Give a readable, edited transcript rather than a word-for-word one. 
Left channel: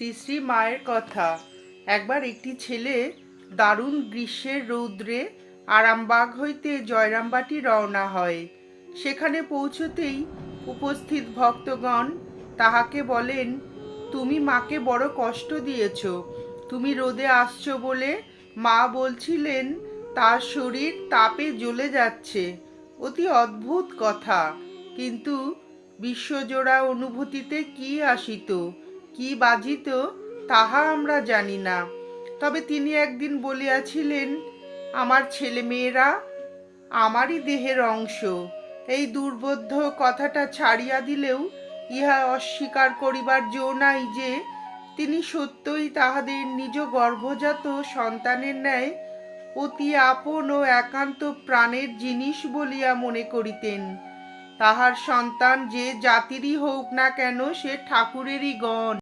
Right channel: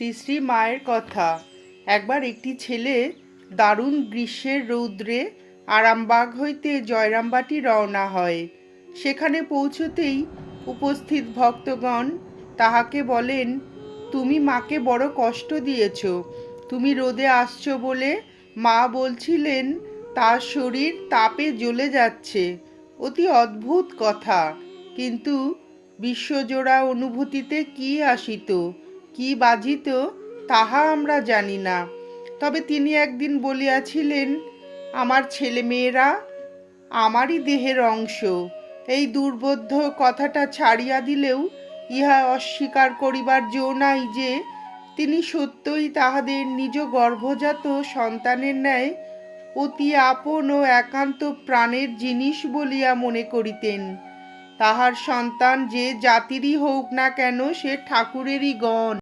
শ্রী শ্রী মায়ের কথা। একবার একটি ছেলে দারুণ গ্রীষ্মের রৌদ্রে আরামবাগ হইতে জয়রামবাটি রওনা হয়। সেখানে পৌঁছতেই উপস্থিত ভক্তগণ তাহাকে বলেন, তুমি মাকে বড় কষ্ট দিয়েছ। তুমি রোদে আসছো বলে মা বলছিলেন তার শরীর তাপে জ্বলে যাচ্ছে। অতি অদ্ভুত কথা, কিন্তু বিশ্বজোড়া অনুভূতিতে কি আসিত, কি বাজিত, তাহা আমরা জানি না। তবে তিনি একদিন বলিয়াছিলেন, আমার ছেলেমেয়েরা আমারই দেহের অংশ। এই দুর্বোধ্য কথাটা ছাড়িয়া দিলেও ইহা অস্বীকার করিবার জো নাই যে তিনি সত্যই তাহাদের নিজ গর্ভজাত সন্তানের ন্যায় অতি আপন ও একান্ত প্রাণের জিনিস বলিয়া মনে করিতেন। তাহার সন্তান যে জাতিরই হোক না কেন, সে ঠাকুরেরই গণ।